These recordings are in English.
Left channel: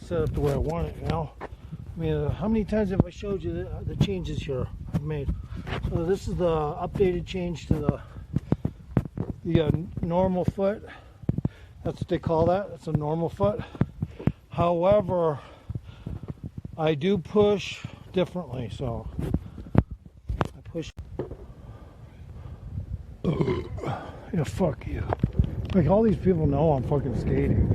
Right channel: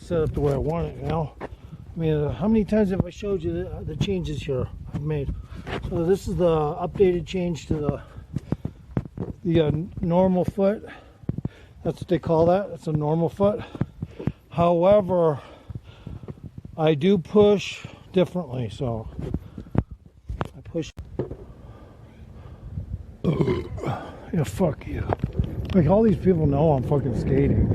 set up the way I want it now. I mean, how many times have I showed you the changes here I've made? So this is the updated change to the normal foot. That's what they call that. It's a normal foot. However, I do push differently, so I push. Yeah, fuck you. Like, all these people know I'm fucking skating.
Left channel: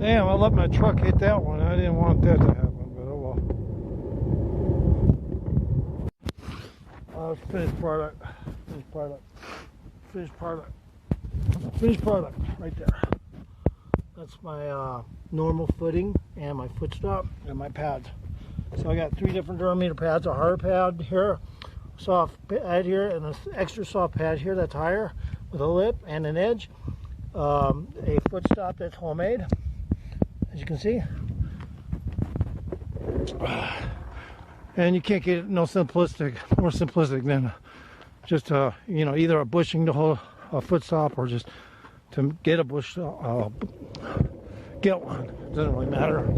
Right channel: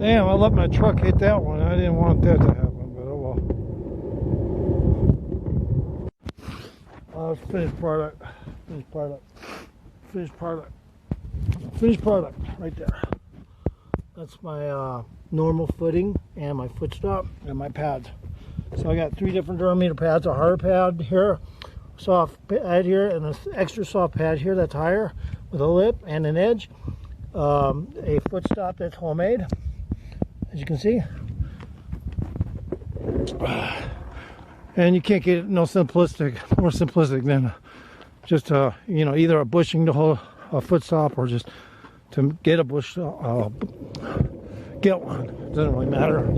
Damn, I let my truck hit that one. I didn't want that to happen, but oh well. Finished product. Finished product. Finished product. Finished product. Right there. That's my normal footing and my foot stop and my pads. So I got 3 different Duramater pads. A hard pad here, soft pad here, and an extra soft pad here that's higher with a lip and an edge. A foot stop that's homemade, as you can see. And you can't get it more simplistic than just you know, either a bushing to hold a foot stop or just to get a bush get one. It doesn't really matter.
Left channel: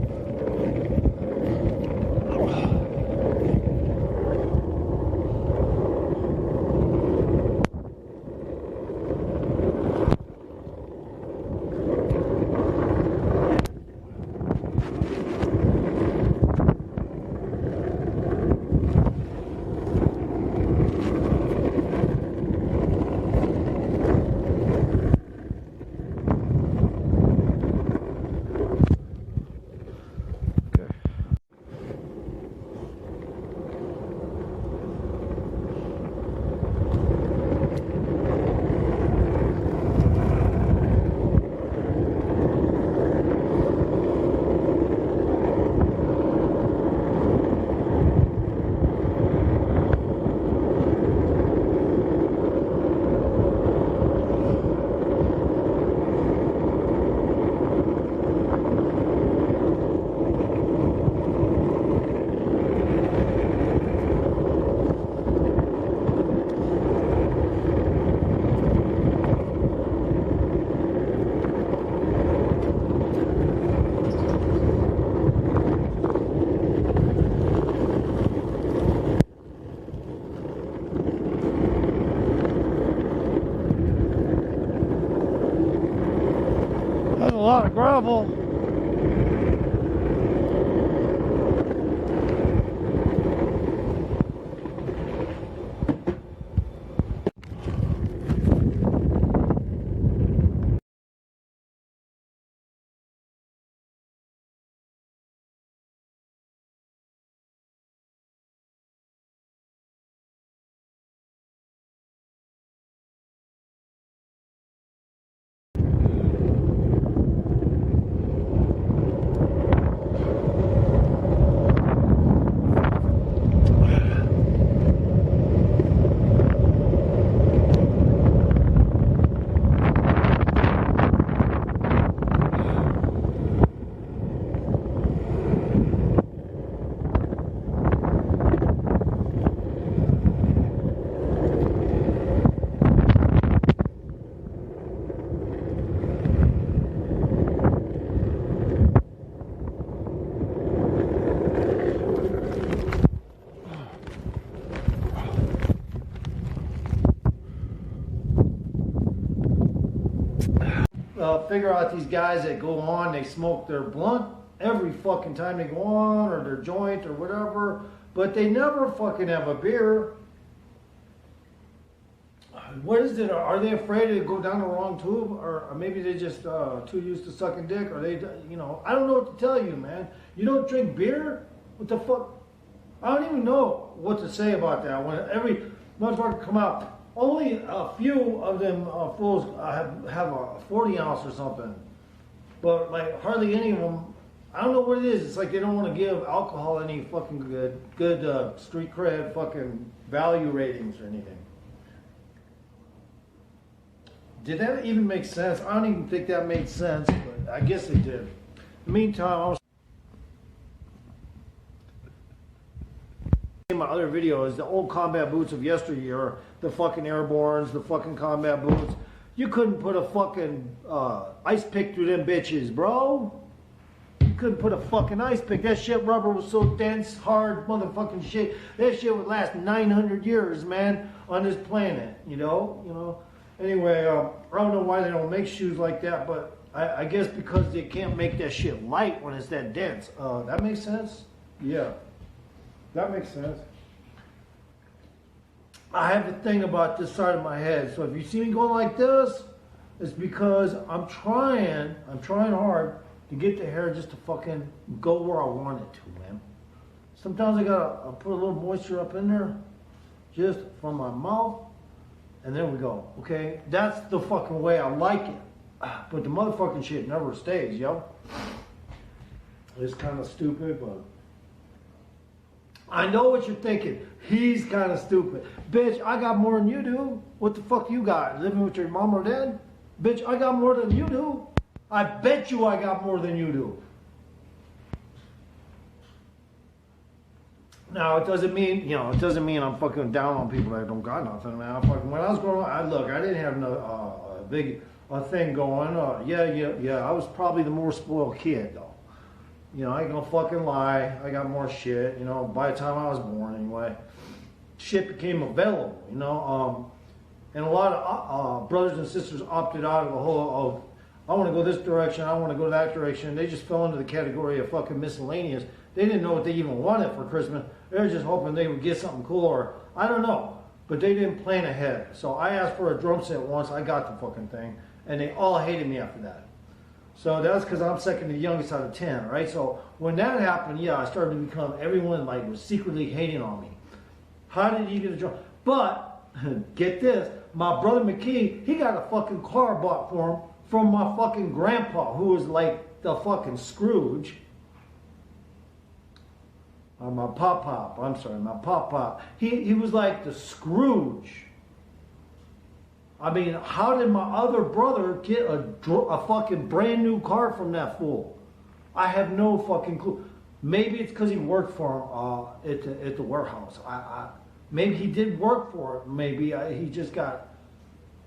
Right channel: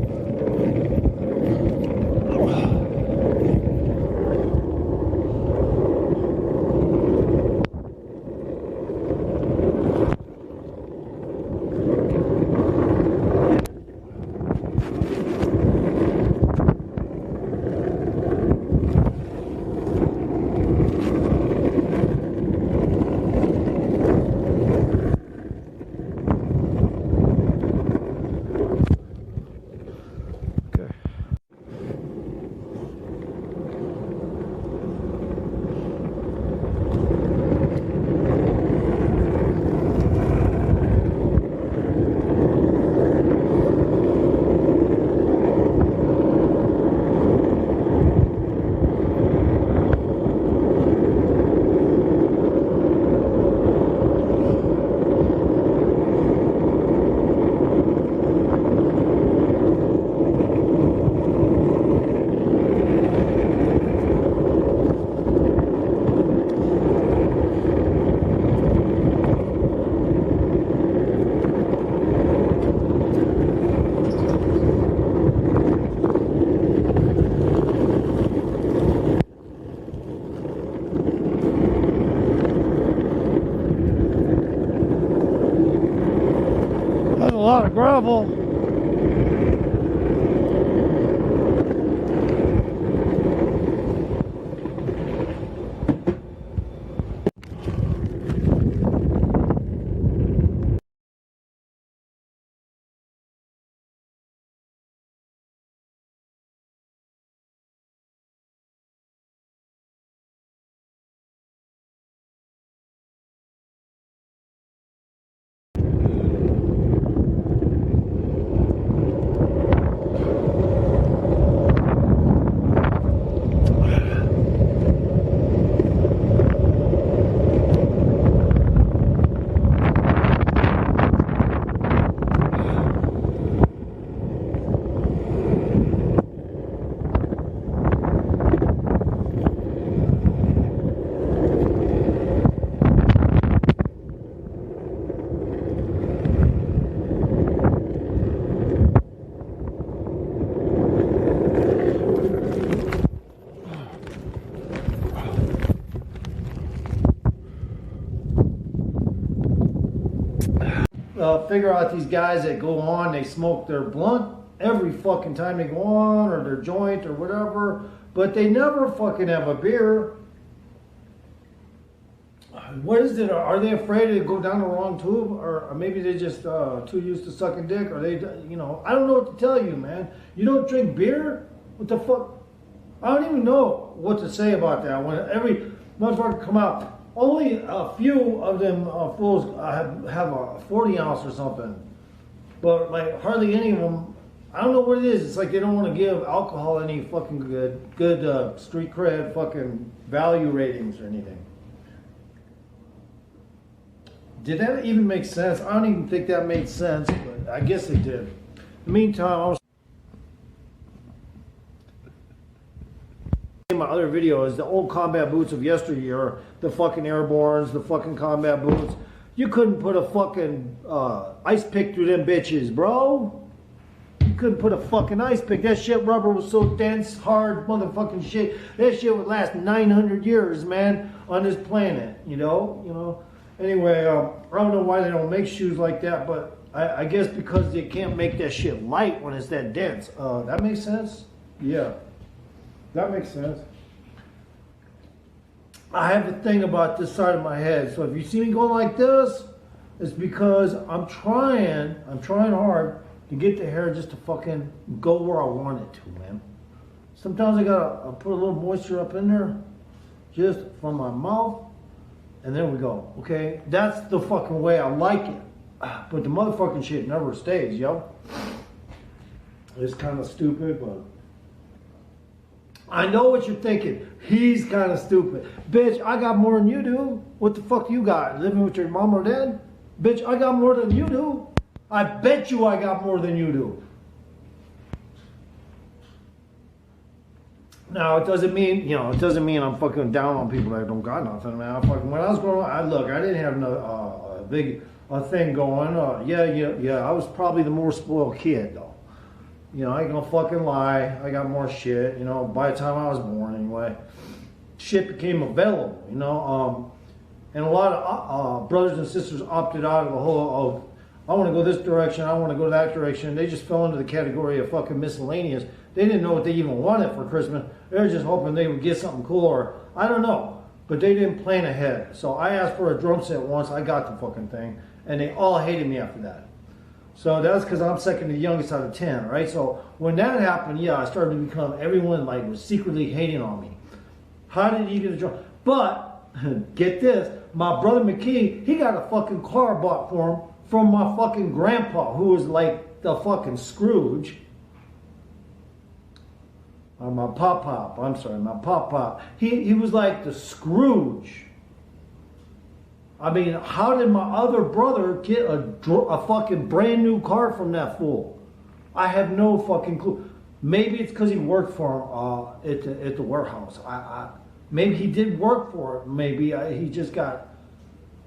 a lot of gravel. Figure out these guys that go on, they smoke their blunt every fucking time they go on, or their joint or whatever, but they never fucking have a beer. What is it? Are they afraid to go down the wrong tube, or maybe they just too used to sucking dick, or they, you know, I don't know what to tell you, man. You don't drink beer? What the fuck? I don't even know what to say about that. When every motherfucker come out, only a few of them fools have a 40 ounce or something, but like hardly any of them. I don't know what it is. It's like they don't want to give alcohol any fucking good street cred, fucking value ratings or anything. Did that even make sense? I don't even think that made sense, but I guess it did. In the meantime, I was in my other videos, the old combat boots of yesteryear, the fucking airborns, the fucking combat boots. You couldn't put a fucking ice pick through them bitches, bro. You couldn't put a fucking ice pick. That shit rubber was so dense, hard, motherfucking shit. That shit would last 900 years, man, on this planet. You know. Anyway, I don't know why they don't make shoes like that, but I guess because they can't make that shit light when it's that dense. That makes sense? Yeah. That makes sense. I have a thing about this side of my head. So if you see me going like this, it's because I'm trying hard to get the hair just to fucking go where I want it to, man. Sometimes I gotta put a little moisture up in there, just from my mouth, and there we go, okay? That's the fucking way I like it. But the motherfucking shit never stays, yo. It's kind of stupid, but I know what you're thinking. He's kind of stupid. Bitch, I got more than you do. What the fuck you got? Living with your mom or dad? Bitch, I got more than you do. I bet you I got more than you do. Now, it doesn't mean, I'm fucking down on people that don't got nothing, man. When I was growing up, I didn't have a big thing going. Yeah, I was probably the more spoiled kid, though. I ain't gonna fucking lie. I got more shit, by the time I was born anyway. Shit became available, and a lot of brothers and sisters opted out of the whole, I want to go this direction, I want to go that direction. They just fell into the category of fucking miscellaneous. They didn't know what they even wanted for Christmas. They were just hoping they would get something cool, or I don't know. But they didn't plan ahead. So I asked for a drum set once. I got the fucking thing. And they all hated me after that. So that's because I'm second to the youngest out of 10, right? So when that happened, yeah, I started to become, everyone was secretly hating on me. How did you get a drum? But, get this, my brother McKee, he got a fucking car bought for him from my fucking grandpa, who was like the fucking Scrooge. My pop-pop. He was like the Scrooge. I mean, how did my other brother get a fucking brand new car from that fool? I have no fucking clue. Maybe it's because he worked for him at the warehouse. Maybe he did work for it. Maybe he just got,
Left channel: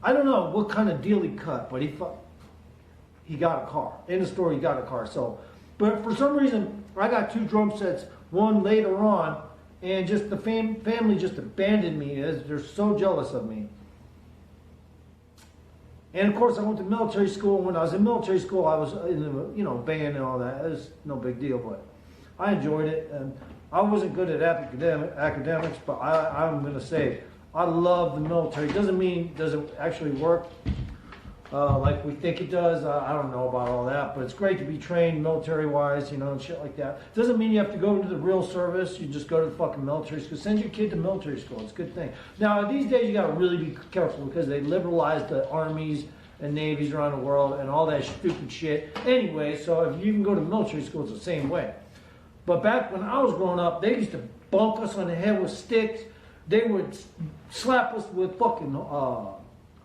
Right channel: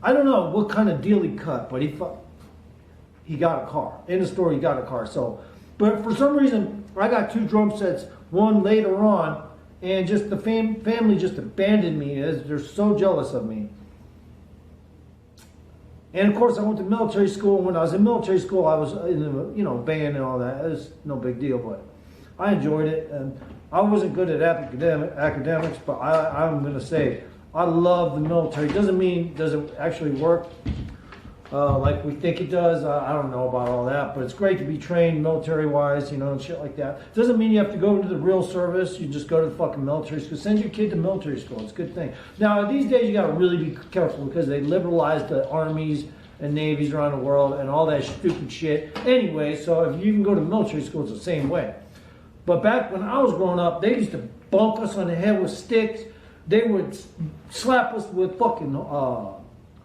I don't know what kind of deal he cut, but he got a car. In the store, he got a car. So, but for some reason, I got two drum sets, one later on, and just the family just abandoned me. They're so jealous of me. And of course, I went to military school. And when I was in military school, I was in the, you know, band and all that. It was no big deal, but I enjoyed it. And I wasn't good at academics, but I'm going to say I love the military. Doesn't mean does it actually work like we think it does. I don't know about all that, but it's great to be trained military-wise, you know, and shit like that. Doesn't mean you have to go into the real service. You just go to the fucking military school. Send your kid to military school. It's a good thing. Now, these days, you got to really be careful because they liberalized the armies and navies around the world and all that stupid shit. Anyway, so if you can go to military school, it's the same way. But back when I was growing up, they used to bonk us on the head with sticks. They would slap us with fucking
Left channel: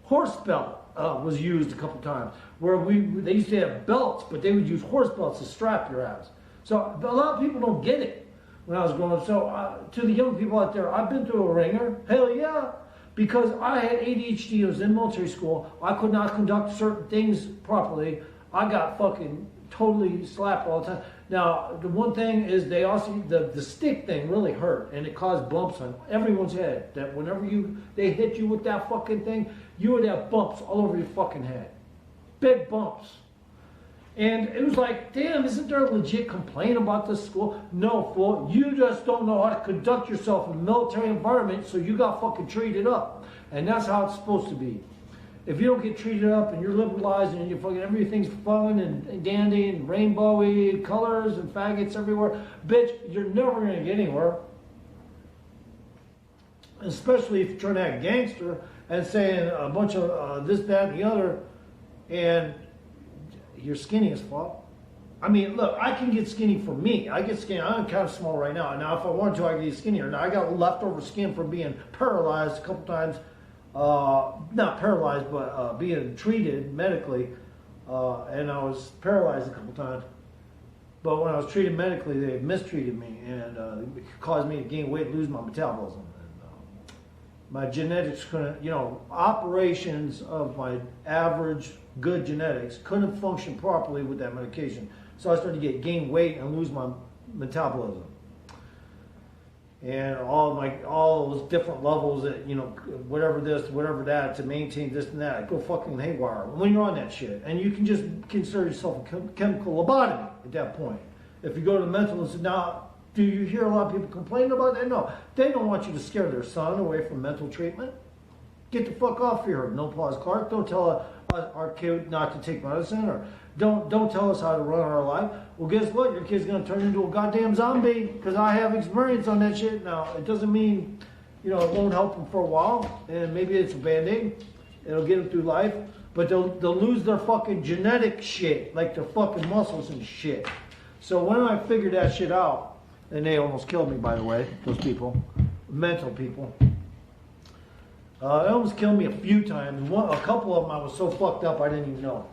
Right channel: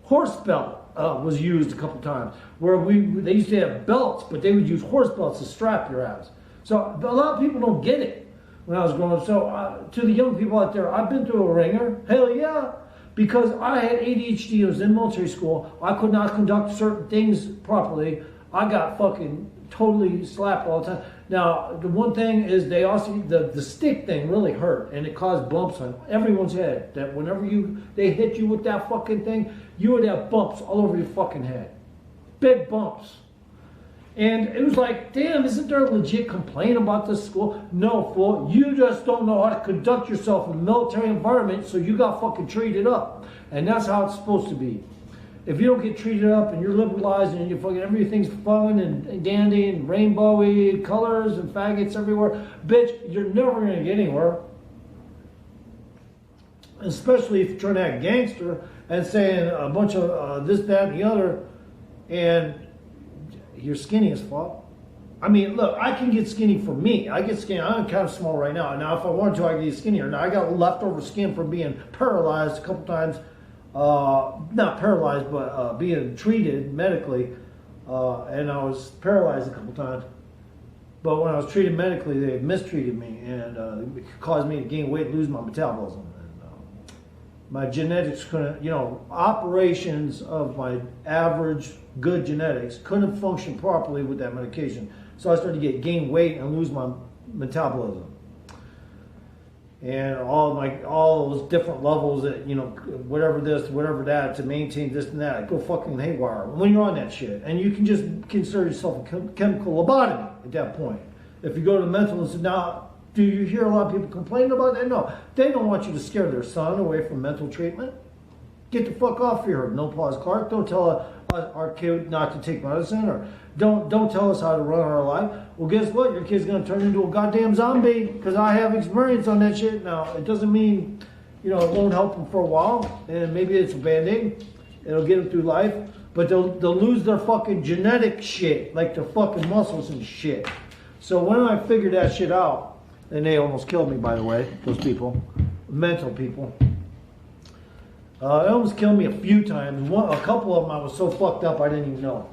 horse belt. Was used a couple times where they used to have belts, but they would use horse belts to strap your ass. So a lot of people don't get it when I was growing up. So to the young people out there, I've been through a ringer. Hell yeah. Because I had ADHD, I was in military school. I could not conduct certain things properly. I got fucking totally slapped all the time. Now, the one thing is they also, the stick thing really hurt, and it caused bumps on everyone's head. That whenever they hit you with that fucking thing, you would have bumps all over your fucking head. Big bumps. And it was like, damn, isn't there a legit complaint about this school? No, fool. You just don't know how to conduct yourself in a military environment, so you got fucking treated up. And that's how it's supposed to be. If you don't get treated up and you're liberalized and you fucking everything's fun and dandy and rainbowy colors and faggots everywhere, bitch, you're never going to get anywhere. Especially if you're trying to act gangster and saying a bunch of this, that, and the other, and you're skinny as fuck. I mean, look, I can get skinny for me. I get skinny. I'm kind of small right now. Now, if I wanted to, I could get skinnier. Now, I got leftover skin from being paralyzed a couple times. Not paralyzed, but being treated medically. And I was paralyzed a couple times. But when I was treated medically, they mistreated me and it caused me to gain weight, lose my metabolism. And, my genetics couldn't, you know, operations of my average good genetics couldn't function properly with that medication. So I started to gain weight and lose my metabolism. And all those different levels that, you know, whatever this, whatever that, to maintain this and that, go fucking haywire when you're on that shit. And you can just consider yourself a chemical lobotomy at that point. If you go to the mental institute, now, do you hear a lot of people complaining about that? No. They don't want you to scare their son away from mental treatment. Get the fuck off here. No pause, Clark. Don't tell our kid not to take medicine, or don't tell us how to run our life. Well, guess what? Your kid's going to turn into a goddamn zombie because I have experience on that shit. Now, it doesn't mean, you know, it won't help them for a while, and maybe it's a Band-Aid. It'll get them through life, but they'll lose their fucking genetic shit, like their fucking muscles and shit. So when I figured that shit out, and they almost killed me, by the way, those people, mental people. They almost killed me a few times. A couple of them I was so fucked up I didn't even know.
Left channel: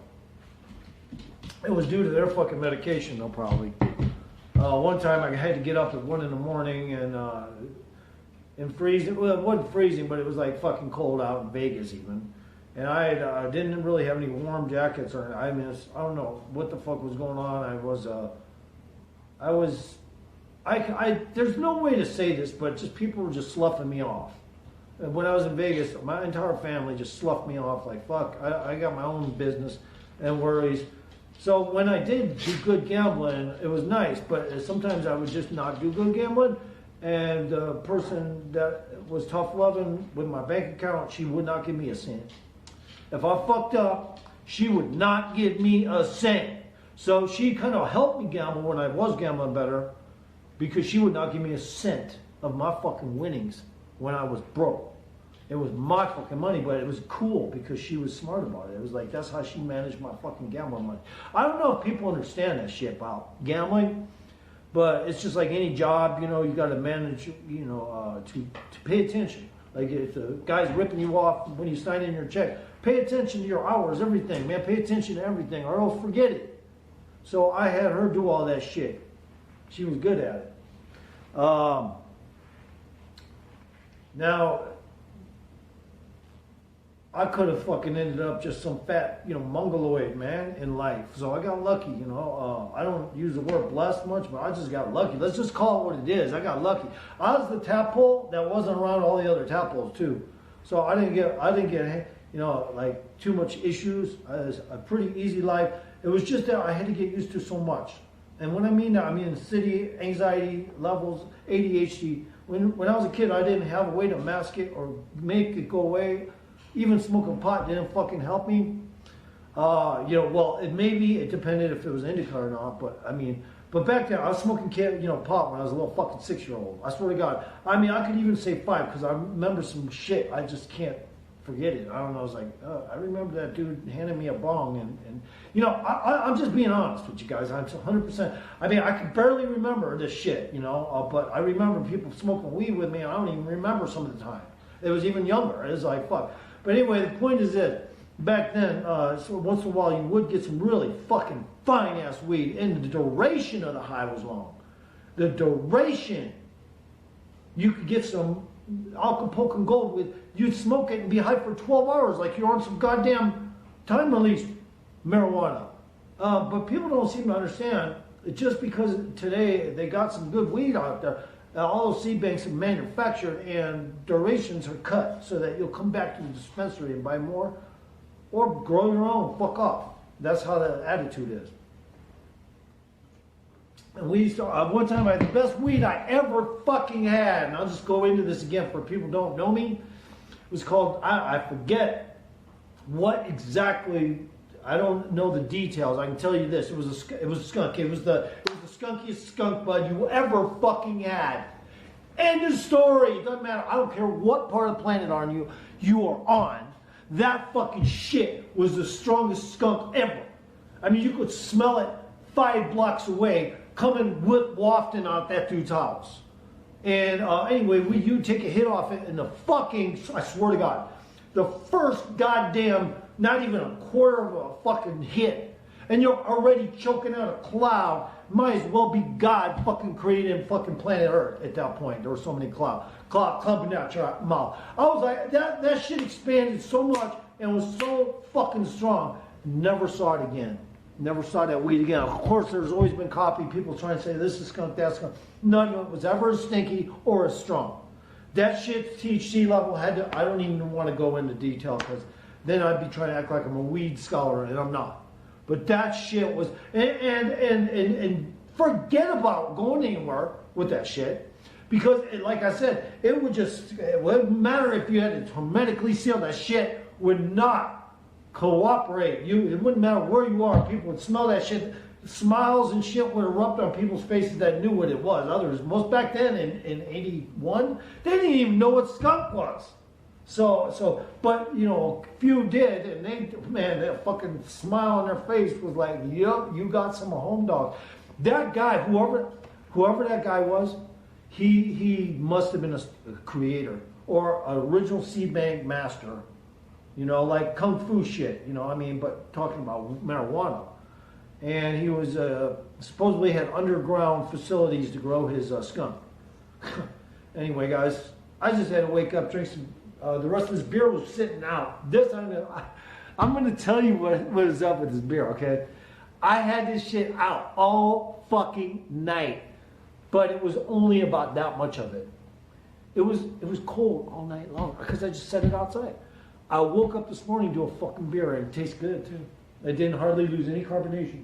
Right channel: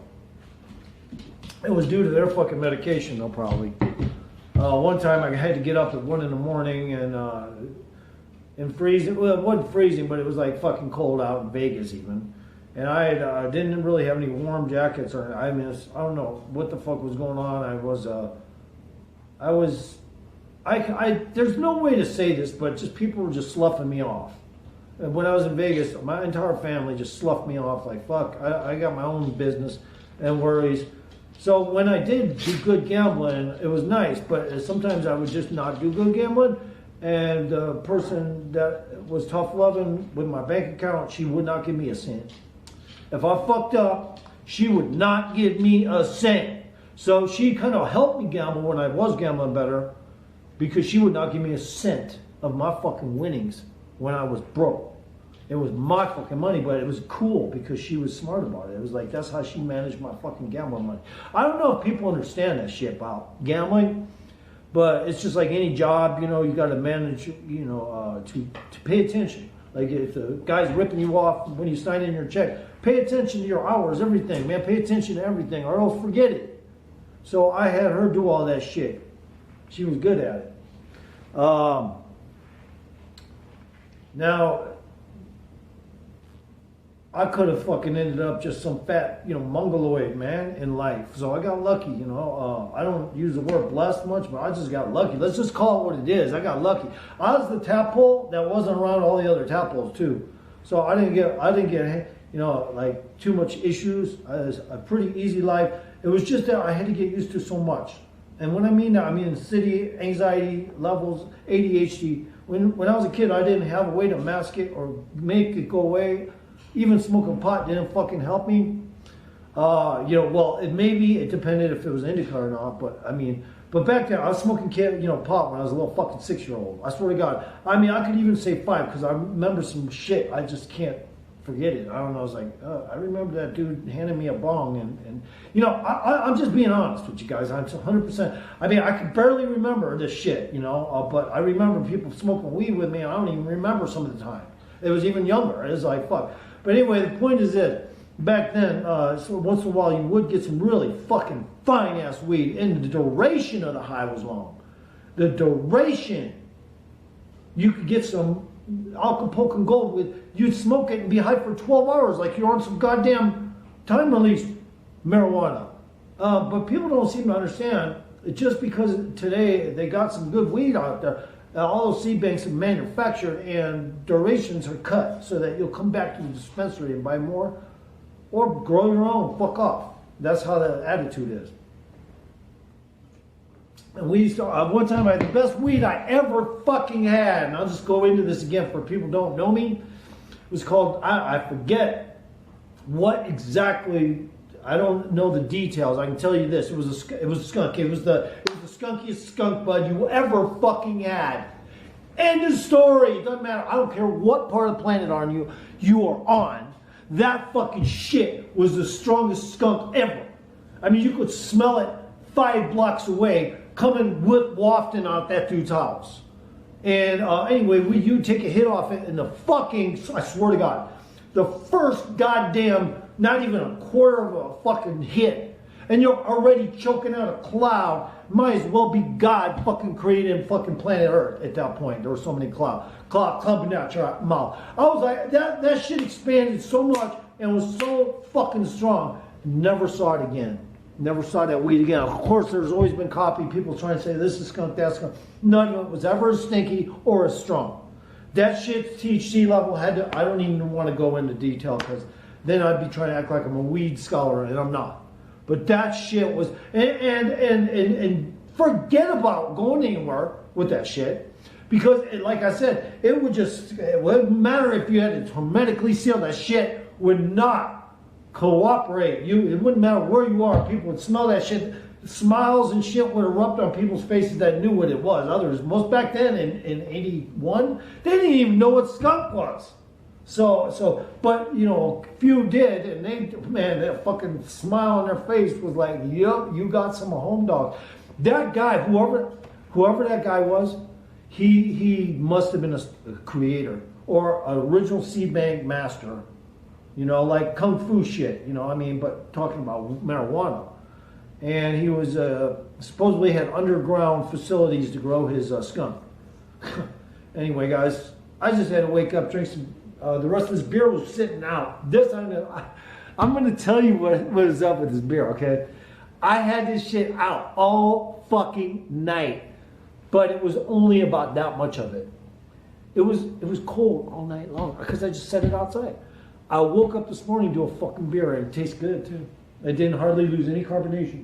It was due to their fucking medication, though, probably. One time I had to get up at 1 in the morning and freezing. Well, it wasn't freezing, but it was like fucking cold out in Vegas even. And I didn't really have any warm jackets, or I don't know what the fuck was going on. There's no way to say this, but just people were just sloughing me off. And when I was in Vegas, my entire family just sloughed me off like, fuck, I got my own business and worries. So when I did do good gambling, it was nice, but sometimes I would just not do good gambling. And the person that was tough loving with my bank account, she would not give me a cent. If I fucked up, she would not give me a cent. So she kind of helped me gamble when I was gambling better, because she would not give me a cent of my fucking winnings when I was broke. It was my fucking money, but it was cool because she was smart about it. It was like, that's how she managed my fucking gambling money. I don't know if people understand that shit about gambling, but it's just like any job, you know, you got to manage, you know, to pay attention. Like if the guy's ripping you off when you sign in your check, pay attention to your hours, everything, man. Pay attention to everything, or else forget it. So I had her do all that shit. She was good at it. Now, I could have fucking ended up just some fat, you know, mongoloid, man, in life. So I got lucky, you know. I don't use the word blessed much, but I just got lucky. Let's just call it what it is. I got lucky. I was the tadpole that wasn't around all the other tadpoles, too. So I didn't get you know, like too much issues. It was a pretty easy life. It was just that I had to get used to so much. And when I mean that, I mean city anxiety levels, ADHD. When I was a kid, I didn't have a way to mask it or make it go away. Even smoking pot didn't fucking help me. You know, well, it depended if it was indica or not, but I mean, but back then I was smoking pot when I was a little fucking 6-year-old. I swear to God. I mean, I could even say 5 because I remember some shit. I just can't forget it. I don't know. I was like, I remember that dude handing me a bong and you know, I'm just being honest with you guys. I'm 100%. I mean, I can barely remember this shit, you know, but I remember people smoking weed with me. And I don't even remember some of the time. It was even younger. It was like, fuck. But anyway, the point is this. Back then, so once in a while, you would get some really fucking fine-ass weed, and the duration of the high was long. The duration. You could get some Acapulco Gold with, you'd smoke it and be high for 12 hours like you're on some goddamn time-release marijuana. But people don't seem to understand, just because today they got some good weed out there, all those seed banks are manufactured and durations are cut so that you'll come back to the dispensary and buy more. Or grow your own, fuck off. That's how the attitude is. And we used to, one time I had the best weed I ever fucking had, and I'll just go into this again for people who don't know me. It was called, I forget what exactly, I don't know the details. I can tell you this, it was a skunk. It was the skunkiest skunk bud you ever fucking had. End of story. It doesn't matter. I don't care what part of the planet you are on. That fucking shit was the strongest skunk ever. I mean, you could smell it 5 blocks away coming wafting out that dude's house. And anyway, you'd take a hit off it and the fucking, I swear to God, the first goddamn, not even a quarter of a fucking hit, and you're already choking out a cloud. Might as well be God fucking creating fucking planet Earth at that point. There were so many clouds clumping out your mouth. I was like, that shit expanded so much and was so fucking strong. Never saw it again. Never saw that weed again. Of course, there's always been copy. People trying to say this is skunk, that's skunk. None of it was ever as stinky or as strong. That shit's THC level had to, I don't even want to go into detail because then I'd be trying to act like I'm a weed scholar and I'm not. But that shit was, and forget about going anywhere with that shit. Because, like I said, it wouldn't matter if you had it hermetically sealed. That shit would not cooperate. It wouldn't matter where you are. People would smell that shit. Smiles and shit would erupt on people's faces that knew what it was. Others, most back then in 81, they didn't even know what skunk was. So, but, you know, few did, and that fucking smile on their face was like, yup, you got some home dogs. That guy, whoever that guy was, he must have been a creator or an original seed bank master, you know, like kung fu shit, you know what I mean, but talking about marijuana. And he was, supposedly had underground facilities to grow his skunk. Anyway, guys, I just had to wake up, drink some. The rest of his beer was sitting out. I'm going to tell you what is up with this beer, okay? I had this shit out all fucking night, but it was only about that much of it. It was cold all night long because I just set it outside. I woke up this morning to a fucking beer and it tastes good too. It didn't hardly lose any carbonation.